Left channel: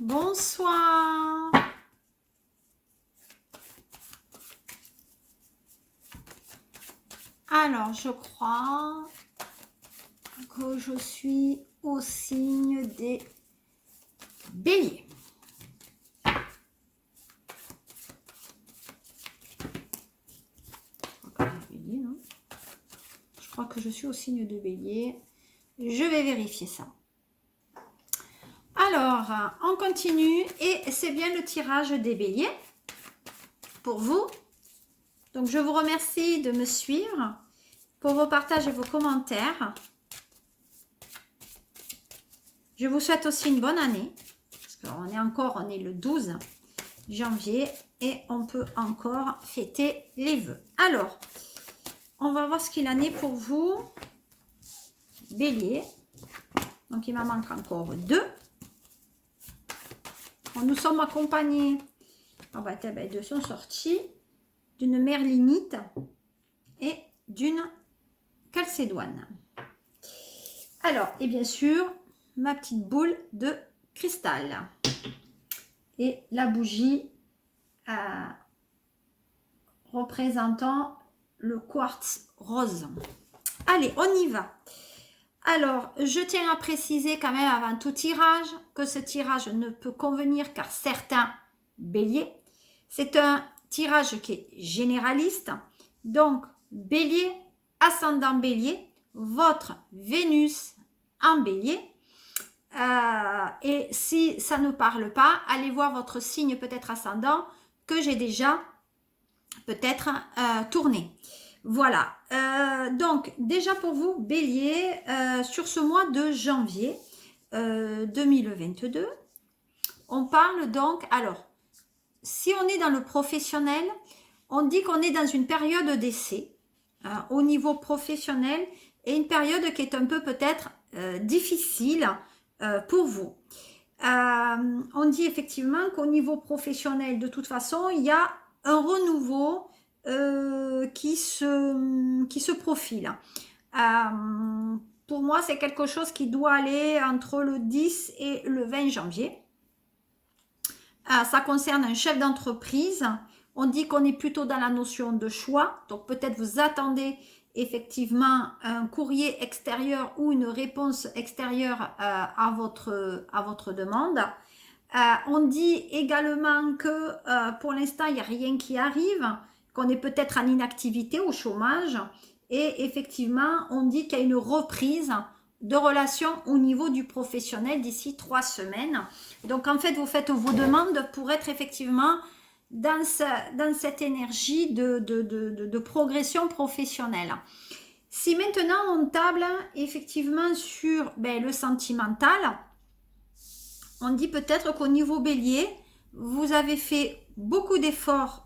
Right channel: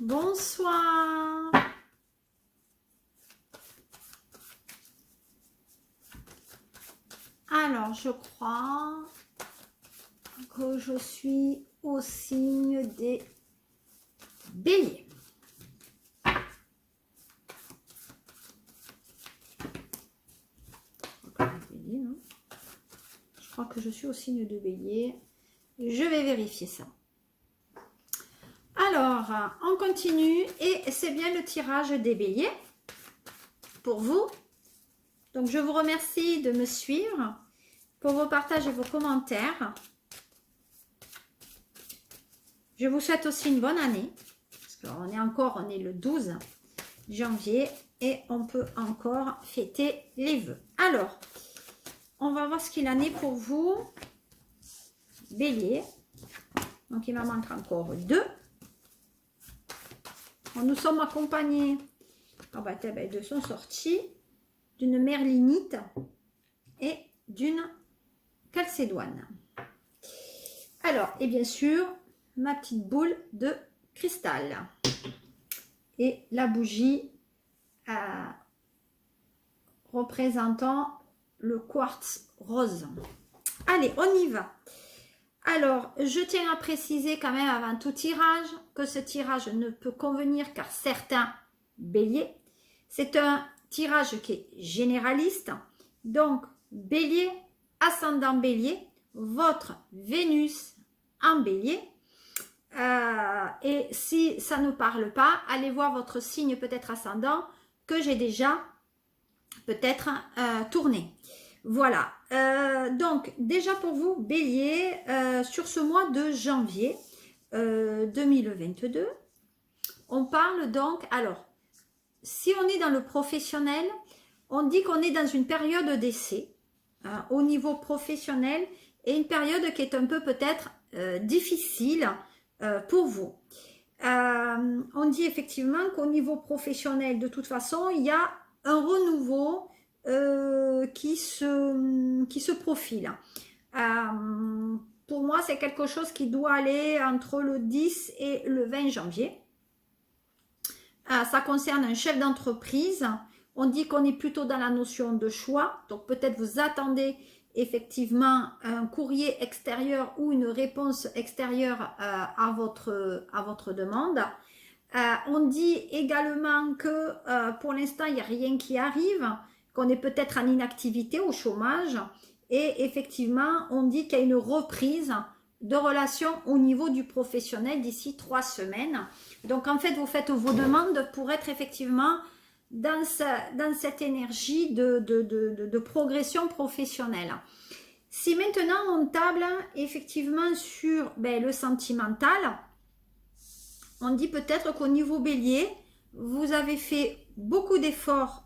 Bonsoir. Alors, je crois que je suis au signe des béliers. Je crois que je suis au signe de bélier. Je vais vérifier ça. Alors, on continue et c'est bien le tirage des béliers pour vous. Donc, je vous remercie de me suivre pour vos partages et vos commentaires. Je vous souhaite aussi une bonne année. Parce qu'on est le 12 janvier et on peut encore fêter les vœux. Alors, on va voir ce qu'il en est pour vous. Bélier. Donc, il m'en manque encore 2. Nous sommes accompagnés, deux sont sortis, d'une merlinite et d'une calcédoine. Alors, et bien sûr, ma petite boule de cristal. Et la bougie représentant le quartz rose. Allez, on y va. Alors, je tiens à préciser quand même avant tout tirage que ce tirage ne peut convenir qu'à certains béliers. C'est un tirage qui est généraliste. Donc, bélier, ascendant bélier, votre Vénus en bélier. Et si ça ne parle pas, allez voir votre signe peut-être ascendant que j'ai déjà peut-être tourné. Voilà, donc déjà pour vous, bélier, sur ce mois de janvier 2022, on parle donc, alors, si on est dans le professionnel, on dit qu'on est dans une période d'essai au niveau professionnel et une période qui est un peu peut-être difficile pour vous. On dit effectivement qu'au niveau professionnel, de toute façon, il y a un renouveau qui se profile. Pour moi, c'est quelque chose qui doit aller entre le 10 et le 20 janvier. Ça concerne un chef d'entreprise. On dit qu'on est plutôt dans la notion de choix. Donc peut-être vous attendez effectivement un courrier extérieur ou une réponse extérieure à votre demande. On dit également que pour l'instant, il n'y a rien qui arrive, qu'on est peut-être en inactivité, au chômage. Et effectivement, on dit qu'il y a une reprise de relations au niveau du professionnel d'ici 3 semaines. Donc, en fait, vous faites vos demandes pour être effectivement dans cette énergie de progression professionnelle. Si maintenant, on table effectivement sur le sentimental, on dit peut-être qu'au niveau bélier, vous avez fait beaucoup d'efforts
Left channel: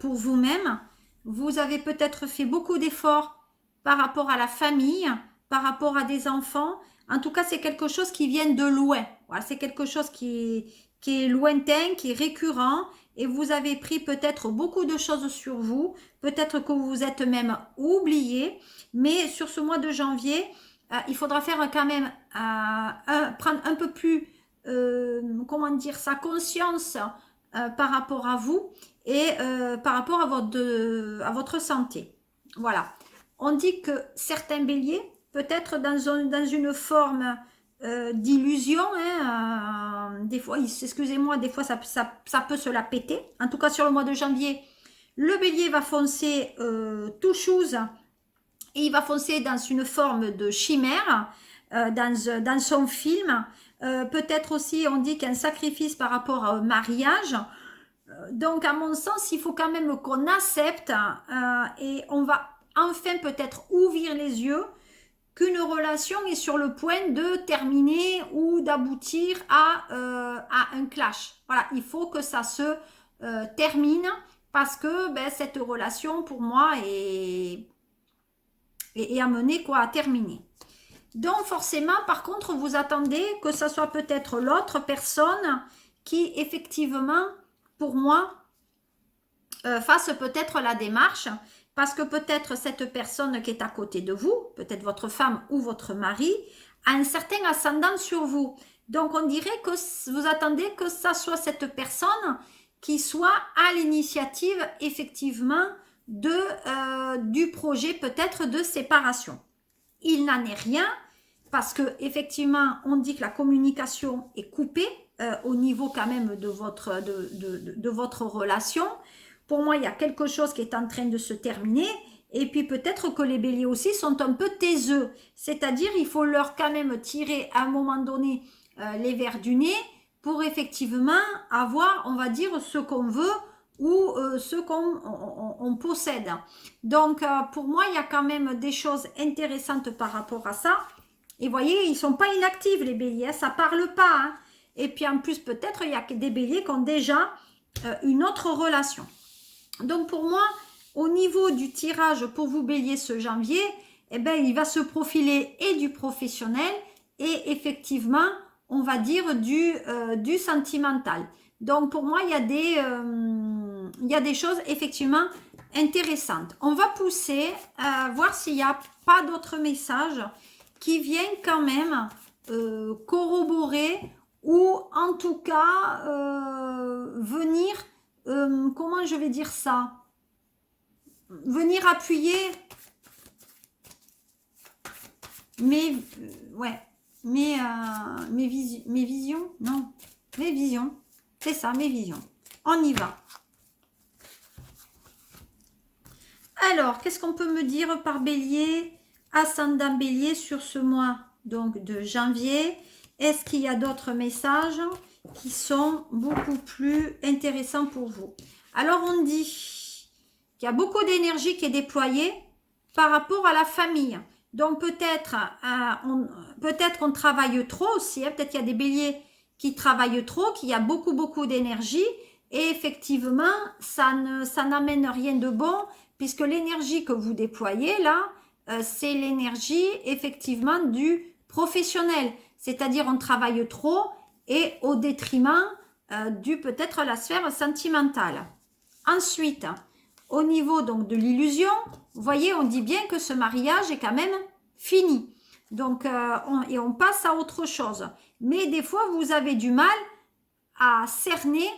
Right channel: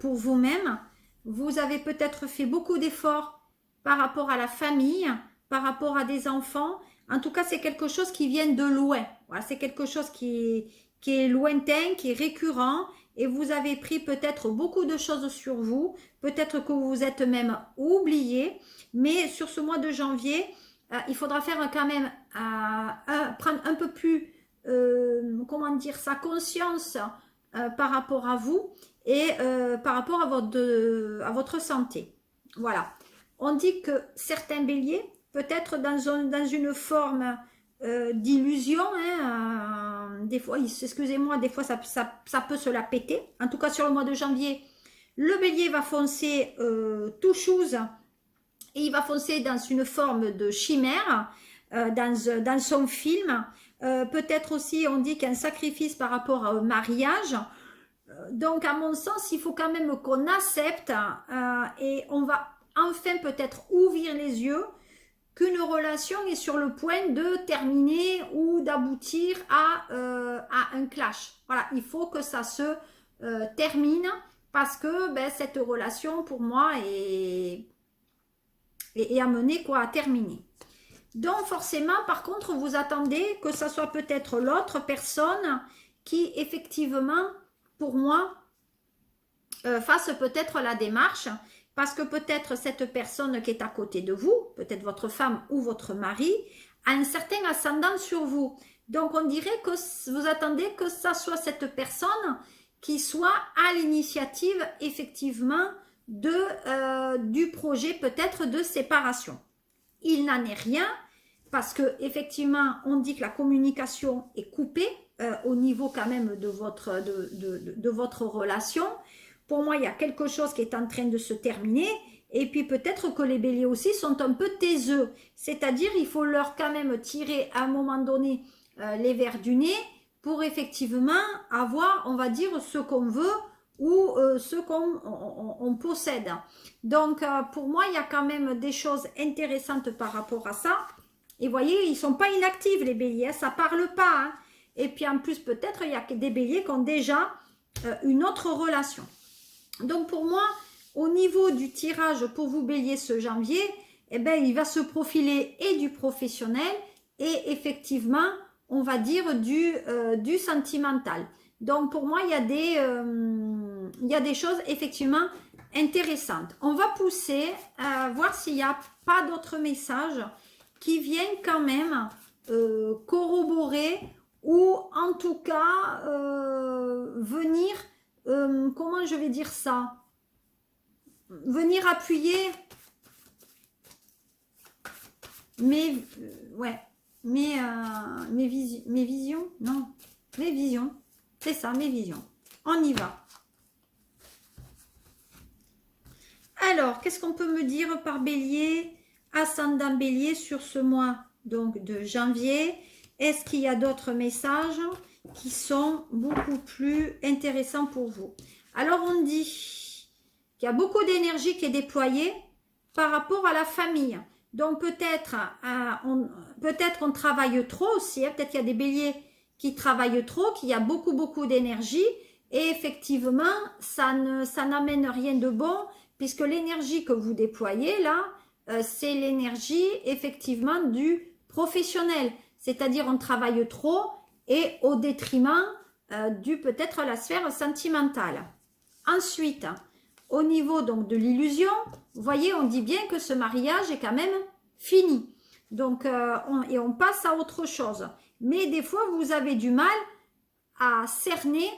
pour vous-même. Vous avez peut-être fait beaucoup d'efforts par rapport à la famille, par rapport à des enfants. En tout cas, c'est quelque chose qui vient de loin. Voilà, c'est quelque chose qui est lointain, qui est récurrent. Et vous avez pris peut-être beaucoup de choses sur vous. Peut-être que vous vous êtes même oublié. Mais sur ce mois de janvier, il faudra faire quand même prendre un peu plus sa conscience par rapport à vous et par rapport à votre santé. Voilà. On dit que certains béliers, peut-être dans une forme d'illusion, des fois, excusez-moi, des fois ça peut se la péter. En tout cas, sur le mois de janvier, le bélier va foncer tout chose et il va foncer dans une forme de chimère, dans son film. Peut-être aussi, on dit qu'un sacrifice par rapport au mariage. Donc, à mon sens, il faut quand même qu'on accepte et on va enfin peut-être ouvrir les yeux qu'une relation est sur le point de terminer ou d'aboutir à un clash. Voilà, il faut que ça se termine parce que cette relation, pour moi, est amenée à terminer. Donc forcément, par contre, vous attendez que ça soit peut-être l'autre personne qui, effectivement, pour moi, fasse peut-être la démarche, parce que peut-être cette personne qui est à côté de vous, peut-être votre femme ou votre mari, a un certain ascendant sur vous. Donc, on dirait que vous attendez que ça soit cette personne qui soit à l'initiative, effectivement, du projet peut-être de séparation. Il n'en est rien parce que effectivement, on dit que la communication est coupée au niveau quand même de votre relation. Pour moi, il y a quelque chose qui est en train de se terminer. Et puis peut-être que les béliers aussi sont un peu taiseux. C'est-à-dire, il faut leur quand même tirer à un moment donné les verres du nez pour effectivement avoir, on va dire, ce qu'on veut ou ce qu'on possède. Donc, pour moi, il y a quand même des choses intéressantes par rapport à ça. Et vous voyez, ils ne sont pas inactifs, les béliers, hein, ça ne parle pas. Hein. Et puis en plus, peut-être, il y a des béliers qui ont déjà une autre relation. Donc, pour moi, au niveau du tirage pour vous bélier ce janvier, eh ben, il va se profiler et du professionnel et effectivement, on va dire du sentimental. Donc, pour moi, il y a des choses effectivement intéressantes. On va pousser à voir s'il n'y a pas d'autres messages qui viennent quand même corroborer ou en tout cas venir, comment je vais dire ça, venir appuyer mes visions, non, mes visions, c'est ça, mes visions. On y va. Alors, qu'est-ce qu'on peut me dire par bélier, ascendant bélier sur ce mois donc de janvier? Est-ce qu'il y a d'autres messages qui sont beaucoup plus intéressants pour vous? Alors, on dit qu'il y a beaucoup d'énergie qui est déployée par rapport à la famille. Donc, peut-être on travaille trop aussi. Hein. Peut-être qu'il y a des béliers qui travaillent trop, qu'il y a beaucoup d'énergie. Et effectivement, ça n'amène rien de bon, puisque l'énergie que vous déployez là, c'est l'énergie effectivement du professionnel. C'est-à-dire on travaille trop et au détriment du peut-être la sphère sentimentale. Ensuite, au niveau donc de l'illusion, vous voyez, on dit bien que ce mariage est quand même fini. Donc, on passe à autre chose. Mais des fois, vous avez du mal à cerner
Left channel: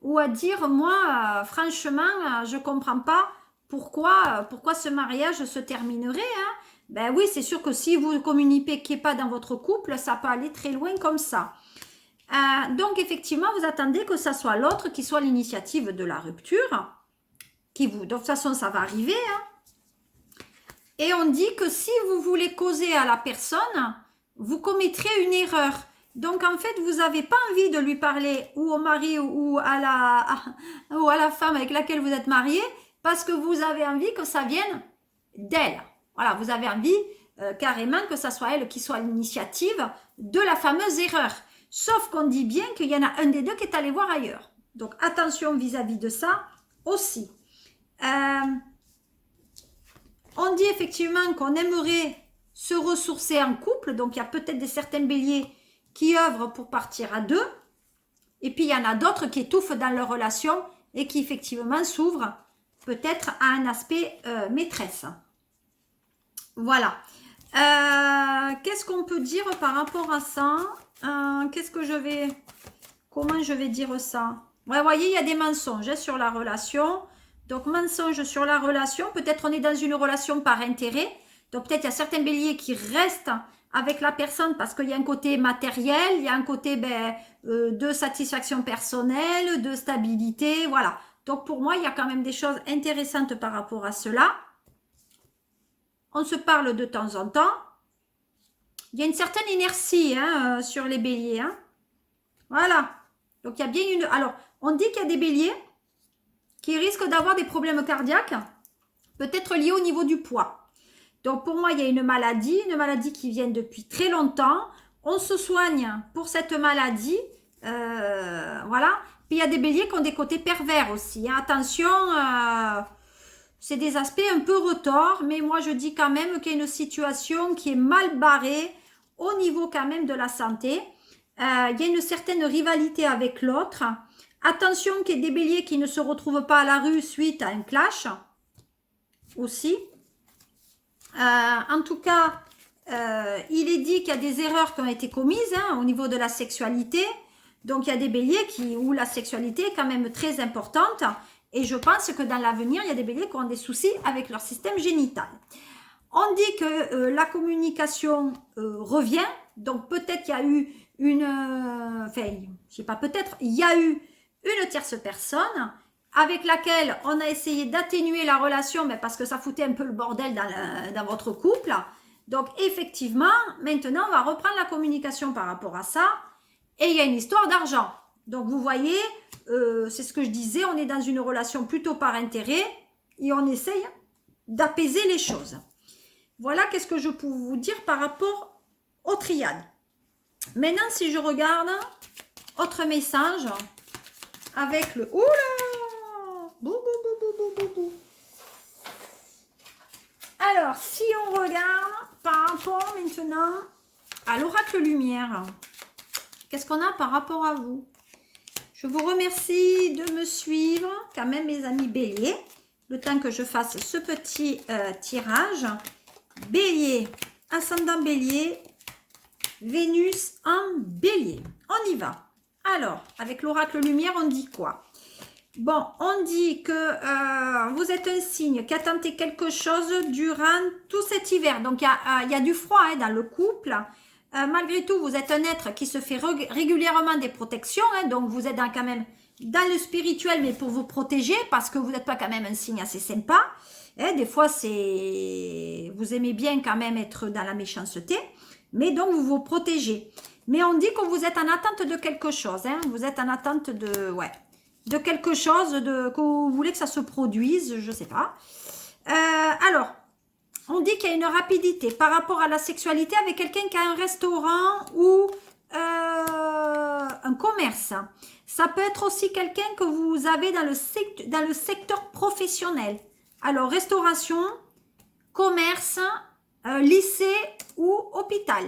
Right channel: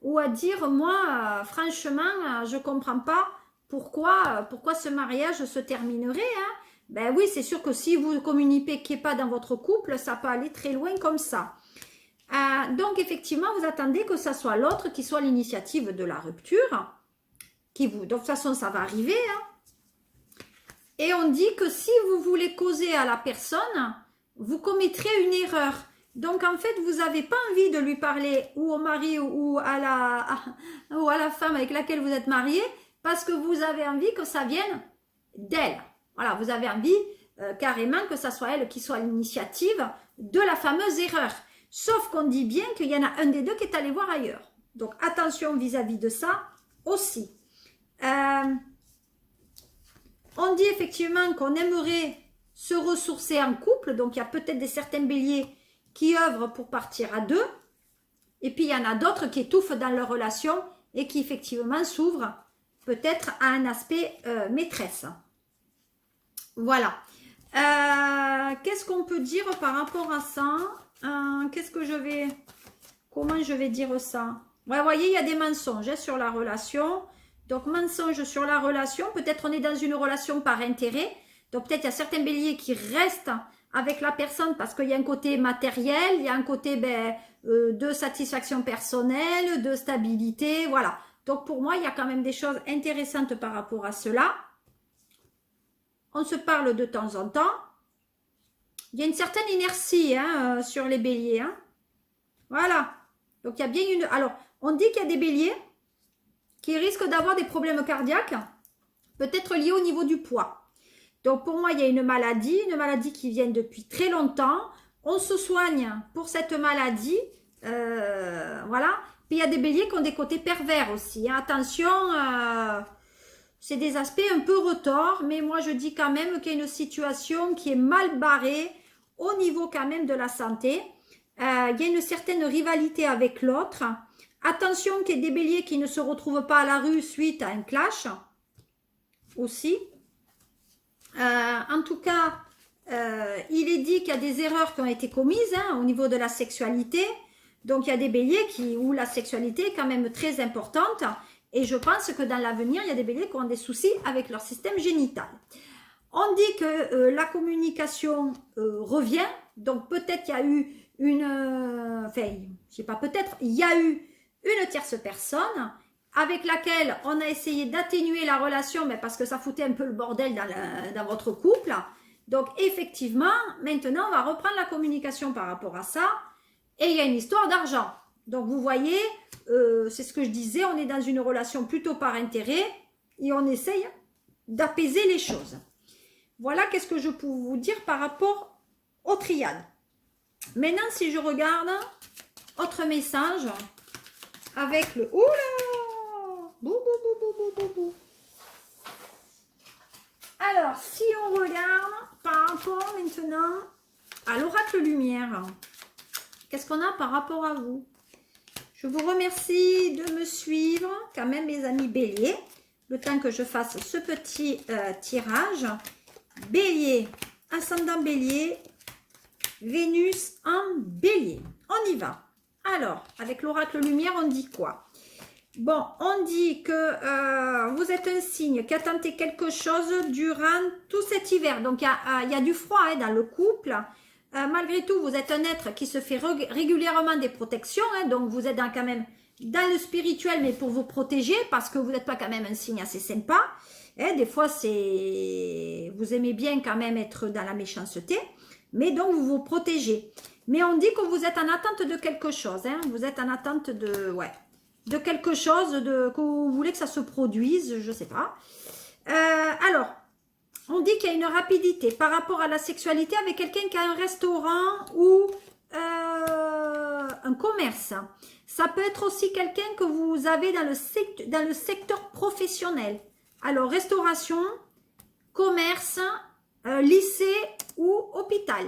ou à dire, moi, franchement, je ne comprends pas pourquoi ce mariage se terminerait. Hein. Ben oui, c'est sûr que si vous ne communiquez pas dans votre couple, ça peut aller très loin comme ça. Donc, effectivement, vous attendez que ce soit l'autre qui soit l'initiative de la rupture. Donc, de toute façon, ça va arriver. Hein. Et on dit que si vous voulez causer à la personne, vous commettrez une erreur. Donc, en fait, vous n'avez pas envie de lui parler ou au mari ou à la femme avec laquelle vous êtes marié parce que vous avez envie que ça vienne d'elle. Voilà, vous avez envie carrément que ça soit elle qui soit l'initiative de la fameuse erreur. Sauf qu'on dit bien qu'il y en a un des deux qui est allé voir ailleurs. Donc, attention vis-à-vis de ça aussi. On dit effectivement qu'on aimerait se ressourcer en couple. Donc, il y a peut-être certains béliers qui œuvrent pour partir à deux. Et puis, il y en a d'autres qui étouffent dans leur relation et qui effectivement s'ouvrent peut-être à un aspect maîtresse. Voilà. Qu'est-ce qu'on peut dire par rapport à ça? Comment je vais dire ça? Ouais, vous voyez, il y a des mensonges hein, sur la relation. Donc, mensonge sur la relation. Peut-être on est dans une relation par intérêt. Donc, peut-être il y a certains béliers qui restent avec la personne parce qu'il y a un côté matériel, il y a un côté de satisfaction personnelle, de stabilité, voilà. Donc, pour moi, il y a quand même des choses intéressantes par rapport à cela. On se parle de temps en temps. Il y a une certaine inertie hein, sur les béliers. Hein. Voilà. Donc, il y a bien une... Alors, on dit qu'il y a des béliers qui risquent d'avoir des problèmes cardiaques, peut-être liés au niveau du poids. Donc, pour moi, il y a une maladie qui vient depuis très longtemps. On se soigne pour cette maladie. Voilà. Puis, il y a des béliers qui ont des côtés pervers aussi. Hein. Attention, c'est des aspects un peu retors, mais moi, je dis quand même qu'il y a une situation qui est mal barrée au niveau quand même de la santé. Il y a une certaine rivalité avec l'autre. Attention qu'il y ait des béliers qui ne se retrouvent pas à la rue suite à un clash aussi. En tout cas, il est dit qu'il y a des erreurs qui ont été commises au niveau de la sexualité. Donc, il y a des béliers où la sexualité est quand même très importante. Et je pense que dans l'avenir, il y a des béliers qui ont des soucis avec leur système génital. On dit que la communication revient. Donc, peut-être qu'il y a eu je sais pas, peut-être, il y a eu une tierce personne avec laquelle on a essayé d'atténuer la relation, mais parce que ça foutait un peu le bordel dans votre couple. Donc, effectivement, maintenant, on va reprendre la communication par rapport à ça. Et il y a une histoire d'argent. Donc, vous voyez, c'est ce que je disais, on est dans une relation plutôt par intérêt et on essaye d'apaiser les choses. Voilà qu'est-ce que je peux vous dire par rapport aux triades. Maintenant, si je regarde autre message avec le... Oula! Bou, bou, bou, bou, bou, bou, bou. Alors, si on regarde par rapport maintenant à l'oracle lumière, qu'est-ce qu'on a par rapport à vous? Je vous remercie de me suivre, quand même mes amis béliers, le temps que je fasse ce petit tirage. Bélier, ascendant bélier, Vénus en bélier. On y va. Alors, avec l'oracle lumière, on dit quoi? Bon, on dit que vous êtes un signe qui a tenté quelque chose durant tout cet hiver. Donc, il y a du froid dans le couple. Malgré tout, vous êtes un être qui se fait régulièrement des protections. Donc, vous êtes quand même dans le spirituel, mais pour vous protéger, parce que vous n'êtes pas quand même un signe assez sympa. Des fois, vous aimez bien quand même être dans la méchanceté. Mais donc, vous vous protégez. Mais on dit que vous êtes en attente de quelque chose. Vous êtes en attente de quelque chose, que vous voulez que ça se produise, je ne sais pas. Alors, on dit qu'il y a une rapidité par rapport à la sexualité avec quelqu'un qui a un restaurant ou un commerce. Ça peut être aussi quelqu'un que vous avez dans le secteur professionnel. Alors, restauration, commerce, lycée ou hôpital.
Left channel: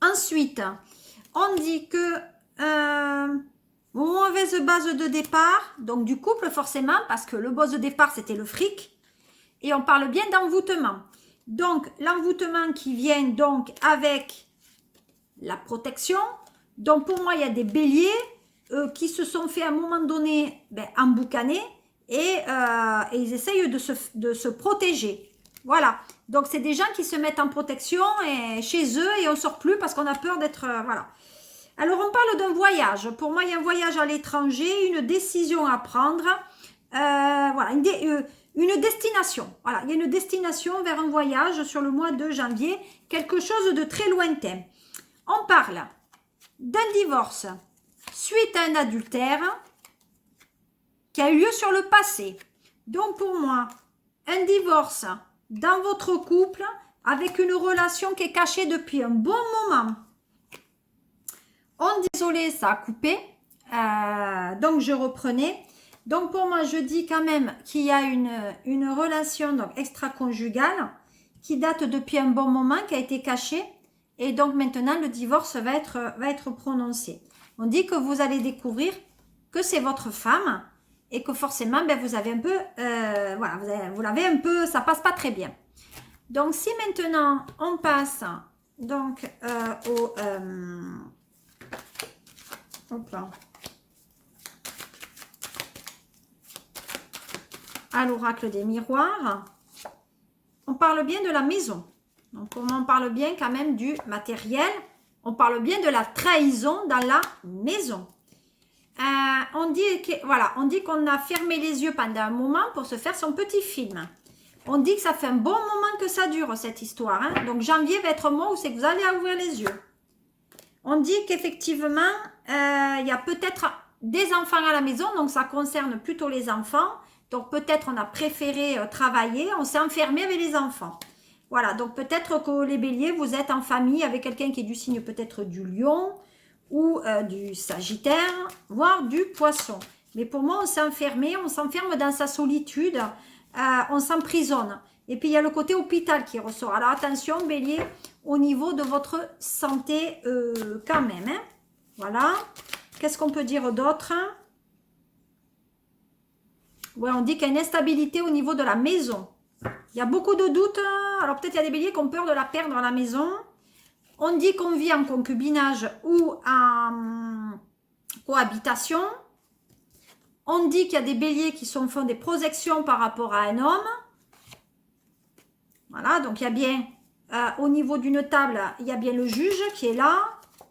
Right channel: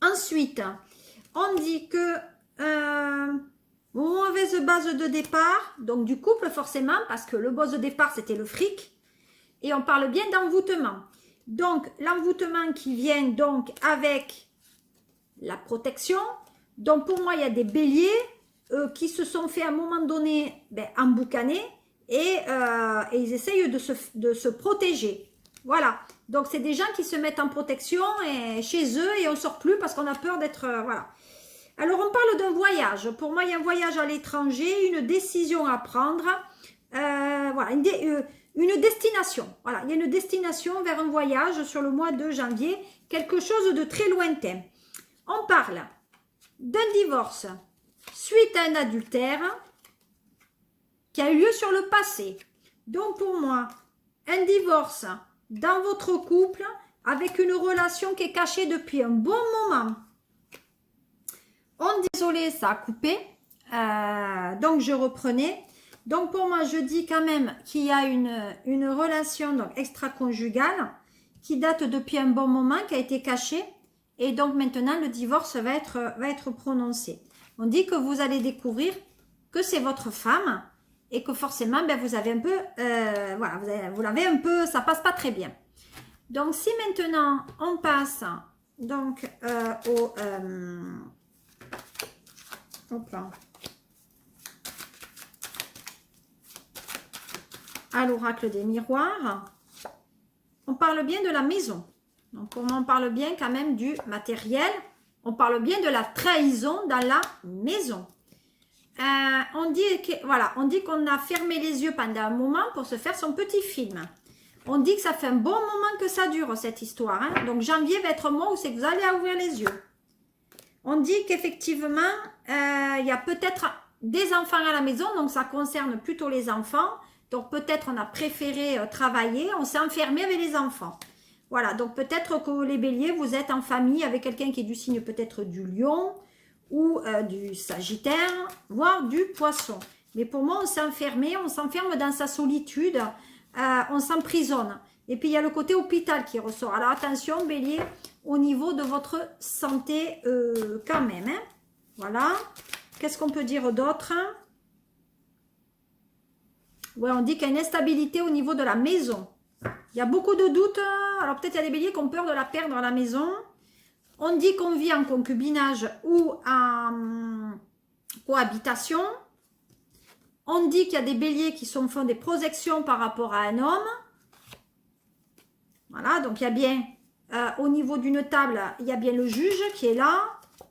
Ensuite, on dit que mauvaise base de départ, donc du couple forcément, parce que le base de départ c'était le fric, et on parle bien d'envoûtement. Donc l'envoûtement qui vient donc avec la protection. Donc pour moi il y a des béliers qui se sont fait à un moment donné emboucaner et ils essayent de se protéger. Voilà, donc c'est des gens qui se mettent en protection chez eux et on ne sort plus parce qu'on a peur d'être... voilà. Alors on parle d'un voyage. Pour moi il y a un voyage à l'étranger, une décision à prendre, voilà, une destination. Voilà, il y a une destination vers un voyage sur le mois de janvier, quelque chose de très lointain. On parle d'un divorce suite à un adultère qui a eu lieu sur le passé. Donc pour moi, un divorce dans votre couple avec une relation qui est cachée depuis un bon moment. Désolé, ça a coupé. Donc je reprenais. Donc pour moi, je dis quand même qu'il y a une relation donc, extra-conjugale qui date depuis un bon moment, qui a été cachée. Et donc maintenant, le divorce va être prononcé. On dit que vous allez découvrir que c'est votre femme et que forcément, vous avez un peu, voilà, vous l'avez un peu, ça passe pas très bien. Donc si maintenant, on passe donc à l'oracle des miroirs, on parle bien de la maison. Donc, on parle bien quand même du matériel. On parle bien de la trahison dans la maison. On dit qu'on a fermé les yeux pendant un moment pour se faire son petit film. On dit que ça fait un bon moment que ça dure, cette histoire. Donc, janvier va être un mois où c'est que vous allez ouvrir les yeux. On dit qu'effectivement, il y a peut-être des enfants à la maison. Donc, ça concerne plutôt les enfants. Donc, peut-être on a préféré travailler. On s'est enfermé avec les enfants. Voilà, donc peut-être que les béliers, vous êtes en famille avec quelqu'un qui est du signe peut-être du lion ou du sagittaire, voire du poisson. Mais pour moi, on s'est enfermé, on s'enferme dans sa solitude, on s'emprisonne. Et puis, il y a le côté hôpital qui ressort. Alors, attention, bélier, au niveau de votre santé quand même. Voilà. Qu'est-ce qu'on peut dire d'autre? Ouais, on dit qu'il y a une instabilité au niveau de la maison. Il y a beaucoup de doutes. Alors peut-être il y a des béliers qui ont peur de la perdre à la maison. On dit qu'on vit en concubinage ou en cohabitation. On dit qu'il y a des béliers qui font des projections par rapport à un homme. Voilà, donc il y a bien, au niveau d'une table, il y a bien le juge qui est là.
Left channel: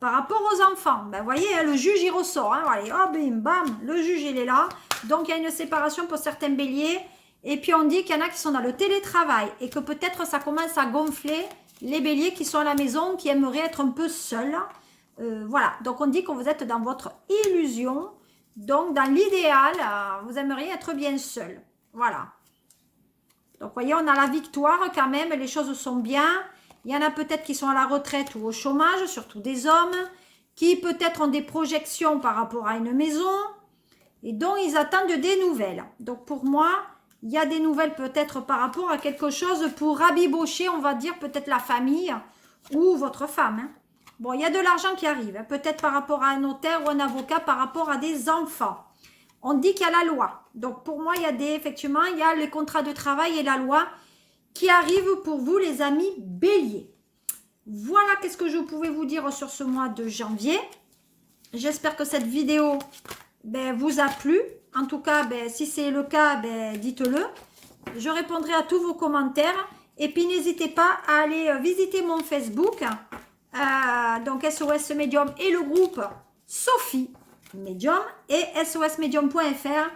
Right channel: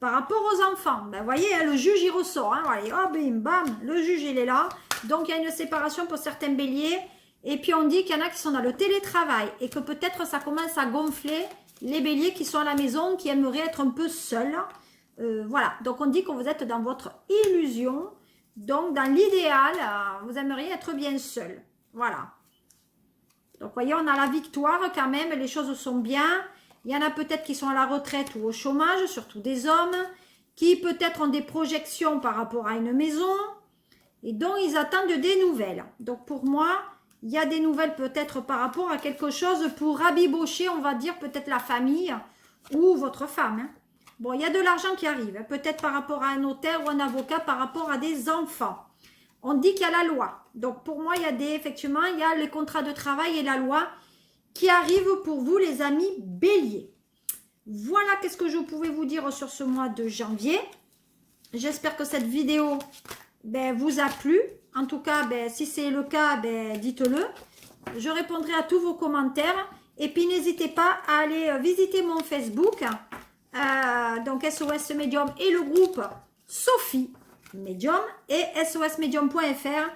Par rapport aux enfants, ben, vous voyez, hein, le juge il ressort. Hein, allez, oh, bim, bam, le juge il est là. Donc il y a une séparation pour certains béliers. Et puis on dit qu'il y en a qui sont dans le télétravail et que peut-être ça commence à gonfler les béliers qui sont à la maison, qui aimeraient être un peu seuls. Voilà, donc on dit que vous êtes dans votre illusion. Donc dans l'idéal, vous aimeriez être bien seul. Voilà. Donc vous voyez, on a la victoire quand même, les choses sont bien. Il y en a peut-être qui sont à la retraite ou au chômage, surtout des hommes, qui peut-être ont des projections par rapport à une maison et dont ils attendent des nouvelles. Donc pour moi, il y a des nouvelles peut-être par rapport à quelque chose pour rabibocher, on va dire, peut-être la famille ou votre femme. Hein. Bon, il y a de l'argent qui arrive, hein, peut-être par rapport à un notaire ou un avocat, par rapport à des enfants. On dit qu'il y a la loi. Donc pour moi, effectivement, il y a les contrats de travail et la loi qui arrive pour vous, les amis béliers. Voilà qu'est-ce que je pouvais vous dire sur ce mois de janvier. J'espère que cette vidéo vous a plu. En tout cas, si c'est le cas, dites-le. Je répondrai à tous vos commentaires. Et puis, n'hésitez pas à aller visiter mon Facebook. Donc, SOS Medium et le groupe Sophie Medium et sosmedium.fr.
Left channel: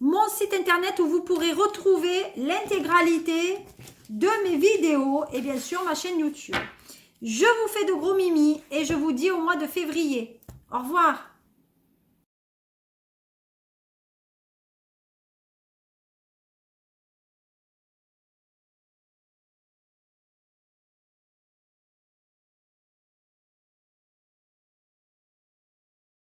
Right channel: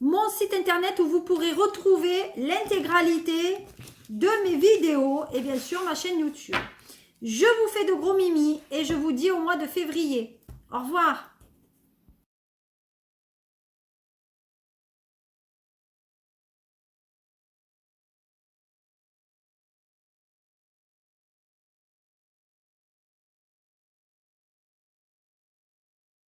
Mon site internet où vous pourrez retrouver l'intégralité de mes vidéos et bien sûr ma chaîne YouTube. Je vous fais de gros mimi et je vous dis au mois de février. Au revoir.